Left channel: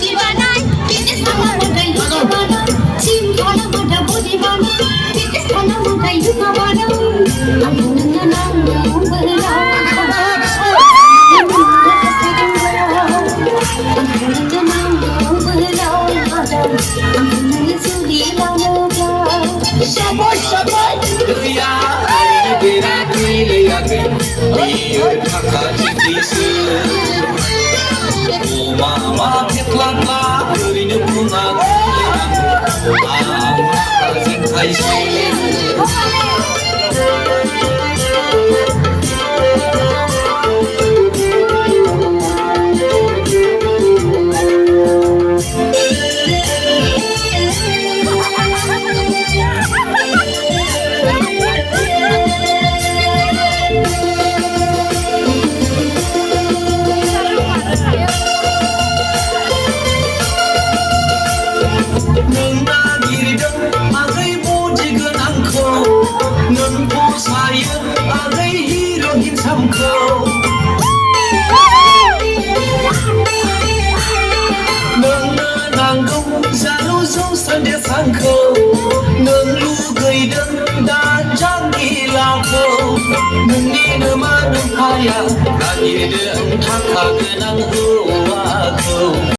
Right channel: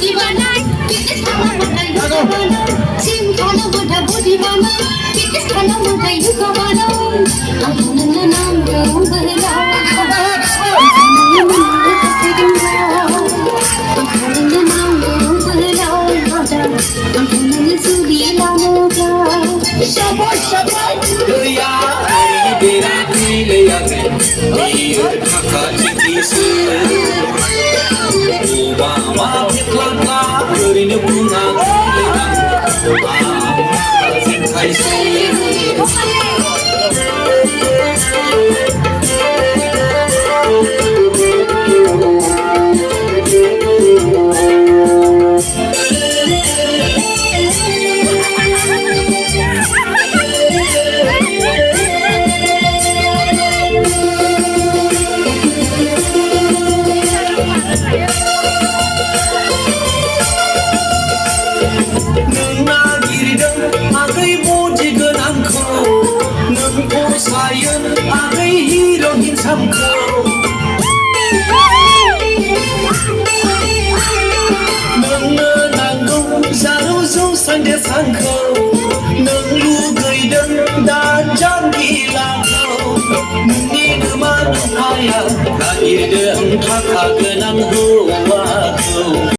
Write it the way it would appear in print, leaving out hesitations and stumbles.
Dibanay, kitis na mo na yugamano. Simple na mo na budimano. Kitis na mo na yugamano. Ayaw na lang ang balila. Sabay, sabay, Ria, ay pinag-ilayakin, biar kakak-kisi. Umawa, kitla-tla, yuri na bunga, Nagiridan agay muji ganangko nang po sayon agay hirogin samko nang nanggong sarusong sande sangko nang lugay dan janggi lako nang di naman upaya nagiridan kakaganang huwa ko